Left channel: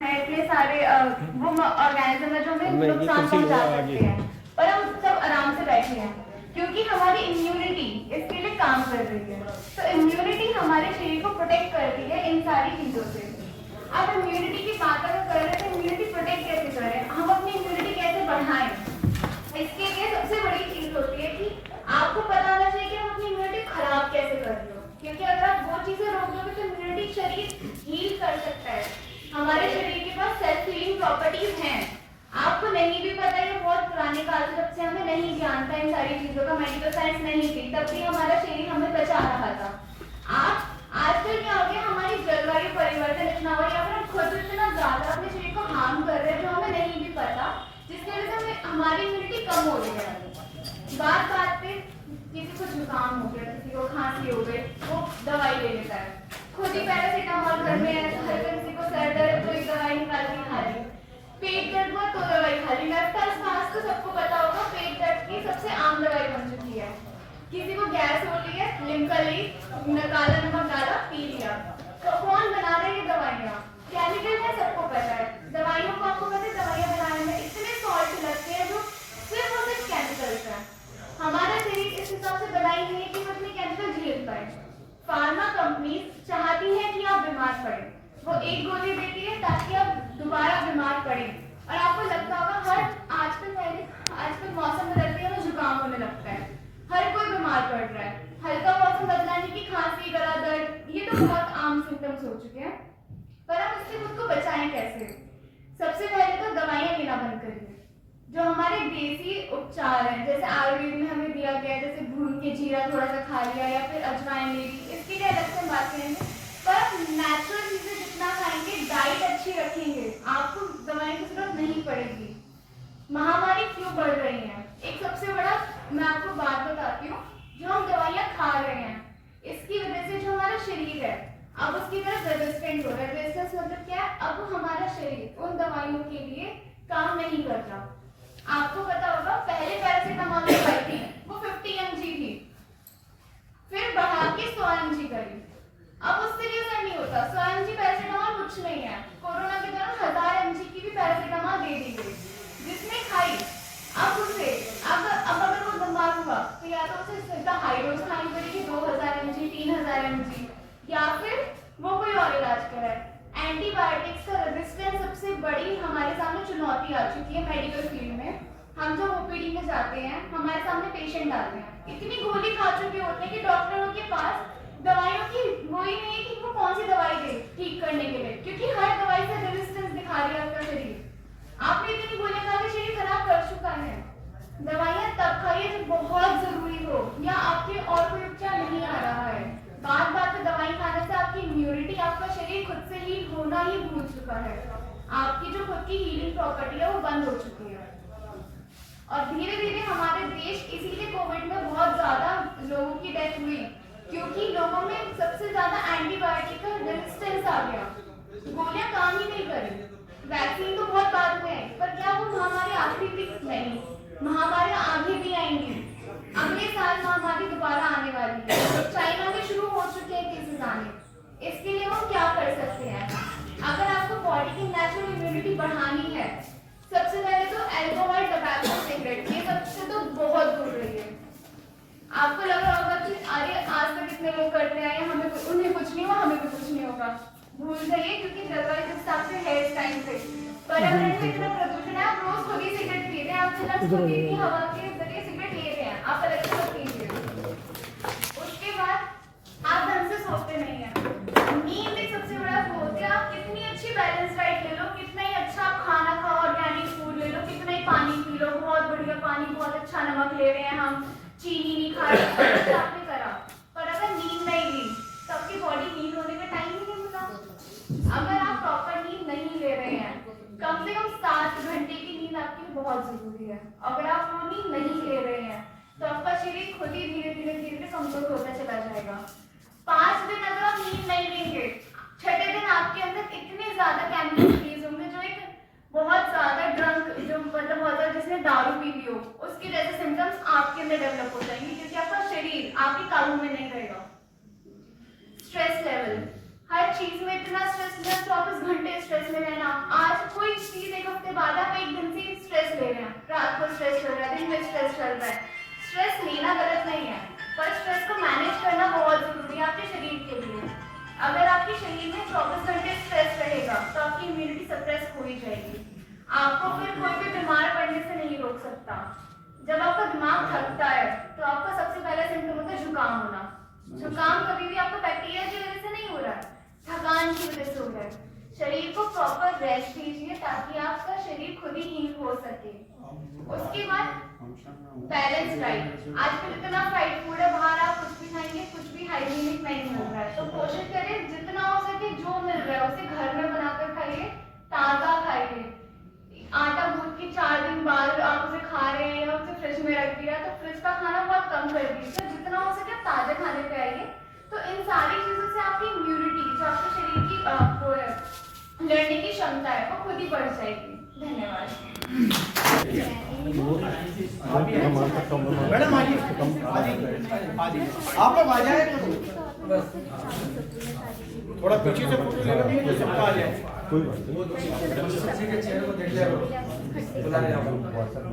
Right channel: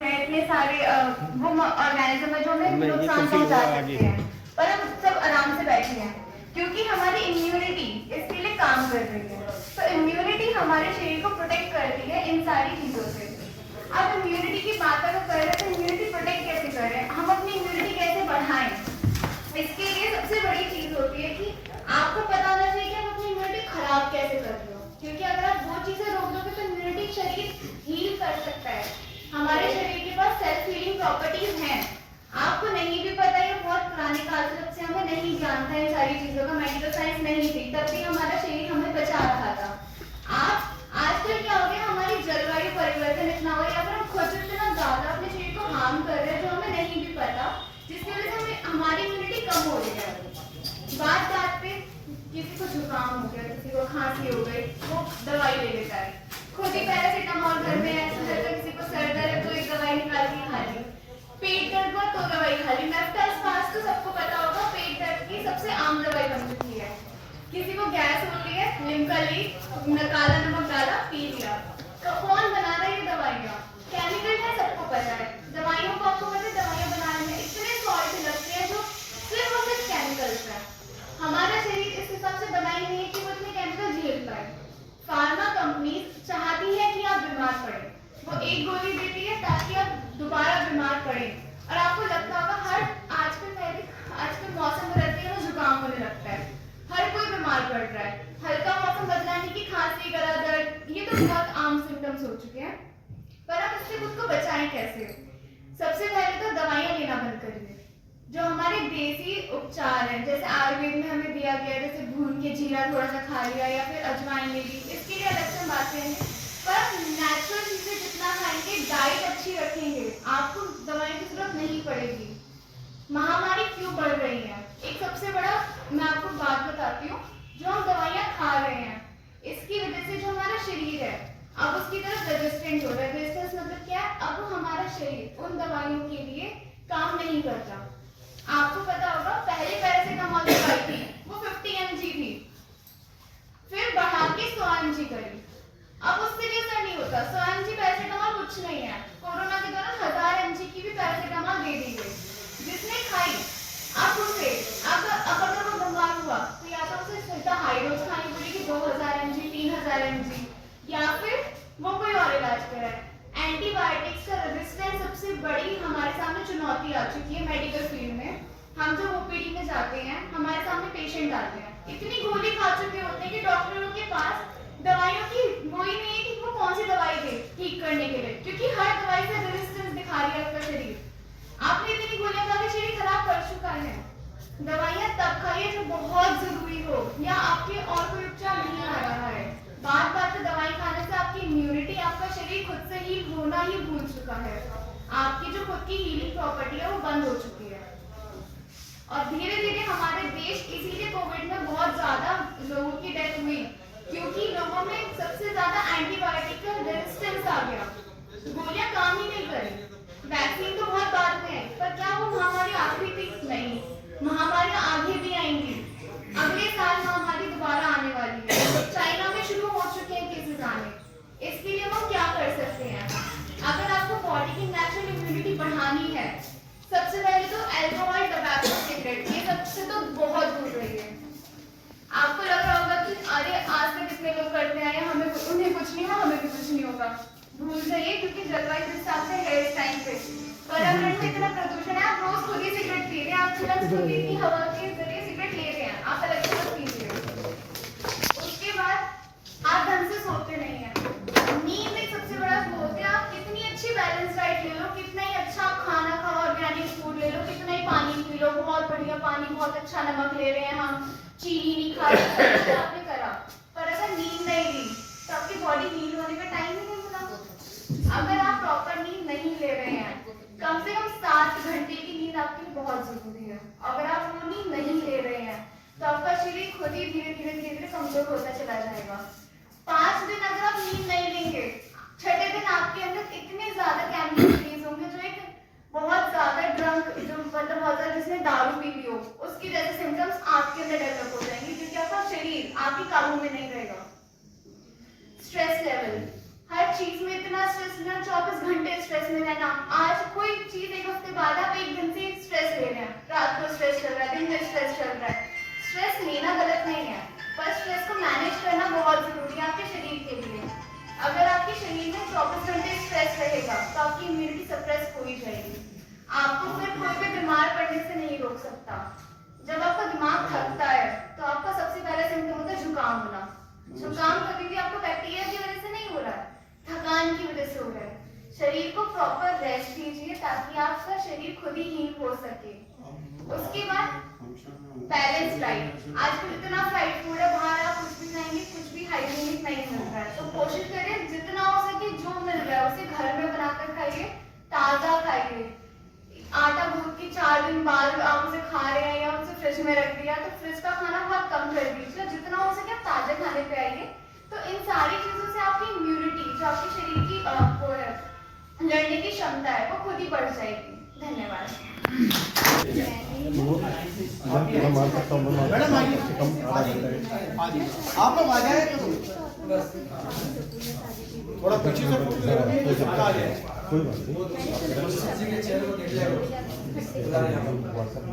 है, इतने सारे वो ऑर्गेनिज्म है जो हमें नुकसान पहुंचा सकते हैं, पर हम सब आराम से बैठे हैं क्योंकि हमारी इम्यूनिटी इसके लिए काम कर रही है। तो इम्यूनिटी हमारे शरीर को प्रोटेक्ट करती है इन सारी चीजों से। अब इम्यूनिटी की बात अगर कर रहे हैं तो इम्यूनिटी प्रोटेक्ट कैसे कर रहे हैं, हम अपनी इम्यूनिटी कैसे बढ़ाएं, इसके लिए सबसे बड़ी चीज होती है कि आपको पता होना चाहिए कि हम अपनी इम्यूनिटी खराब कैसे कर रहे हो, क्योंकि अगर आप वो चीजें रोक दोगे तो इम्यूनिटी शरीर हील कर सकता है। हमारे शरीर के पास सेल्फ हीलिंग प्रॉपर्टीज हैं, आपको नहीं भी पता है, बहुत पुराने काल से जब से हमें नहीं ज्ञान था इन सारी चीजों का, मेडिकल साइंस नहीं थी, तब भी हमारा शरीर हमें बचा रहा था। आज आजकल क्या हो गया, हमारी जलवायु परिवर्तन इतना हुआ या फिर हम खुद इतना ज्यादा अपने शरीर को हार्म कर रहे हैं जो हमें नहीं भी पता, जिसकी वजह से हमें हमारी इम्यूनिटी कम हो रही है। बात बात पे किसी को जुकाम हो गया, किसी को खांसी हो गई, वो दवाई ले लेता है, खुद ही पैरासीटामोल घर में है, किसी को सर दर्द तो एक दवाई निकाल के खा ली, पेट दर्द हुआ तो दवाई खा ली। नेफ्टास्पास तो सबको पता होगा, पेट दर्द की सबसे आम दवाई बन चुकी है। किसी को गैस हो रही है, लिम्का ली, काला नमक डाला, पी लिया। तो कौन बना रहा है ये दवाइयाँ? केमिकल है, सबको पता है। दवाइयों को आपको पता है, दवाइयाँ बनाने में इतने सॉल्ट लगते हैं जो सिर्फ और सिर्फ केमिकल्स है। हमारा शरीर इस हिसाब से बनाई नहीं है कि वो इतने केमिकल झेल पाए। फार्मा कंपनी चाहती है कि आप बीमार पड़े, वो एक गोली देती है ताकि आप दोबारा बीमार पड़े। और आपको लगता होगा हर आजकल मौसम बदलते हैं तो जुकाम होने लगता है, हर कोई बीमार पड़ रहा है। हल्का मौसम बदलाने की खांसी, गला दर्द, ये तो बहुत आम सिम्टम्स हो चुके हैं। पर आप इससे खुद को बचाएं कैसे? सबसे पहले तो दवाइयाँ लेना बंद करिए। जो हमारे देसी उपचार हैं, जैसे आयुर्वेद में हमें दिया गया है, जैसे भून के जीरा थोड़ा सा खा लिया या फिर अजवाइन ले ली, इसके लिए अलग से बात करेंगे। पर नेचुरल चीजें जितना खाएंगे, डाइट अच्छी रखेंगे, आपको दवाई की जरूरत नहीं पड़ेगी। महामारी क्यों बढ़ रही है? एक सबसे बड़ा मैं आपको बात बताती हूँ, जो हम दवाइयाँ खा रहे हैं इसकी वजह से जो हमारा शरीर है अब उसकी तरफ रेजिस्टेंट हो रहा है। रेजिस्टेंस मतलब क्या है? अब हमारा शरीर उन दवाइयों के लिए काम नहीं करता। आपको पता होगा पहले पैरासीटामोल दवाई थी, वो 50 mg थी, फिर बढ़ा के 100 mg करी, अब उससे भी असर नहीं होता। 100 mg पैरासीटामोल कुछ नहीं है। कोरोना के दौरान 1000 mg की भी पैरासीटामोल दे दी गई, जिसने खाई अब उसे अब अगर वो बीमार हुआ तो या तो उसे सीधा हाई डोज खानी पड़ेगी 2000 mg, 3000 mg, या फिर वो कोई और इलाज कराए। एंटीबायोटिक्स का रेजिस्टेंस सबसे बड़ी हमारे सामने चुनौती आ चुकी है मेडिकल फील्ड में। हम जब ओपीडी में जाते हैं, हमारे सामने पेशेंट आते हैं, इतनी गोली खा चुके होते हैं कि डॉक्टरों के पास दवाइयों की वही नहीं है कि वो कौन सी दवाई दे ठीक करने के लिए, क्योंकि हर दवाई से रेजिस्टेंस दिखा रही है आपका शरीर। आपने इतनी गोलियां खा के शरीर खराब कर चुका है। दवाइयां तब खाइए जब बहुत जरूरी हो या आपके और कोई उपचार नहीं आ रहा है। बात बात पे दवाई खाने से आपकी इम्यूनिटी, आपका शरीर खुद से हील होना ही भूल चुका है। आपकी जो खुद की हीलिंग प्रॉपर्टी है वो बंद हो चुकी है। और धीरे धीरे हमारे देश, इसीलिए कोविड में बहुत ज्यादा लोगों की डेथ हुई, क्योंकि लोगों में सबसे ज्यादा एंटीबायोटिक का रेजिस्टेंस आ गया, गोलियां काम ही नहीं करी। वैक्सीन तो बहुत बाद में है, पर क्या वो महामारी आखिरी थी? नहीं, महामारियां आगे भी आएंगी। अगले साल महामारी दोबारा आने वाली है, चाइना में शुरू हो चुके हैं केसेस आने। इसके लिए हम क्या कर सकते हैं? अगर आपको बॉडी की नेचुरल इम्यूनिटी बढ़ानी है, सबसे पहले तो अल्कोहल, टबैको, सिगरेट, ये सबसे तो बहुत दूर रहिए। आपको लग रहा होगा कि अरे आज तक कितने लोग करते आए हैं, हमें उन्हें कुछ नहीं हुआ, हमें भी कुछ नहीं होगा। भूल जाइए, क्योंकि जलवायु के हिसाब से है इस टाइम पे पर्यावरण में इतना प्रदूषण है। आप रोज खुद ही सिगरेट पी रहे हैं, आप खुद की हवा के जरिए सिगरेट ले रहे हैं, आप अलग से मत पीजिए। उसके बाद आप ढंग से सोते नहीं है। नींद एक सबसे बड़ा वो होता है। आप कितनी अच्छी बैलेंस डाइट ले लो, कितना ही अच्छा आप खाना खाओ, ऑर्गेनिक फूड ले लो, कितना ही पानी पी लो, बहुत बढ़िया पानी, बहुत अच्छा नमक ले रहे हैं हम, चीनी नहीं खा रहे, आपने करा, पर अगर नींद नहीं ली तो आपकी बॉडी हील होने का टाइम ही नहीं मिला। अगर आप प्रॉपर नींद नहीं ले रहे हैं, कम से कम 7 घंटे की नींद आपके लिए बहुत जरूरी है। अगर आप वो नींद नहीं ले रहे हैं तो आपका शरीर खुद ही धीरे धीरे धीरे धीरे कमजोर होता चला जाएगा। 5 दिन अगर आप नींद नहीं लेंगे, छठे दिन आपके अंदर इतने ज्यादा केमिकल्स रिलीज होंगे, जो एक बहुत ज्यादा ड्रंक, जो मतलब बहुत ज्यादा जिसने दारू पी ली हो, उसकी जैसे सिम्टम्स आपके अंदर डेवलप हो जाएंगे, क्योंकि आपका शरीर आपके काबू में नहीं रहेगा। स्ट्रेस लेवल, हर चीज में इतना स्ट्रेस, 24 घंटे स्ट्रेस में रहना, आज कोई चीज एक हफ्ते बाद आप एक दिन से स्ट्रेस ले रहे हैं, रात को स्ट्रेस चल रहा है, दिन में स्ट्रेस चल रहा है। स्ट्रेस लेना गलत नहीं है, पर स्ट्रेस को मैनेज करना बहुत जरूरी है आपके शरीर के लिए। अगर आपके शरीर में 24 घंटे स्ट्रेस रहेगा तो आपकी इम्यूनिटी सप्रेस हो ही जाएगी। आपको फिर कोई भी बीमार पड़ने से नहीं रोक सकता। जब आपका दिमाग थकता है तो आपका सबसे पहला सिम्टम होता है जुकाम होना। जुकाम कभी भी आपको बैक्टीरिया की वजह से नहीं हो रहा है, थकान की वजह से हो रहा है। शरीर को प्रॉपर रेस्ट दीजिए ताकि आपका शरीर खुद ही हील हो सके। उसके बाद बैलेंस डाइट। आजकल इतना फ्राइड फूड है, बाहर आप कुछ भी खाएंगे कुछ भी हाइजीनिक नहीं मिल रहा है, तो कोशिश करें जितना हो सके जो मिल रहा है उसे घर में बनाकर खाइए, ताजा खाइए। आटा गूंथ के 4 दिन बाद आप उसे खा रहे हैं या उसे फ्रिज में रख दिया, तो फ्रिज का खाना बहुत कम कर दीजिए, जितना हो सके ताजे खाने पे आइए। तो इन सारी चीजों से आपकी इम्यूनिटी, जो आपके शरीर की वो है लड़ने की क्षमता है, वो खुद ही बढ़ जाएगी। धन्यवाद। मैडम आप लोग आ जाए थोड़ा पीछे से सबका आ जाए। WhatsApp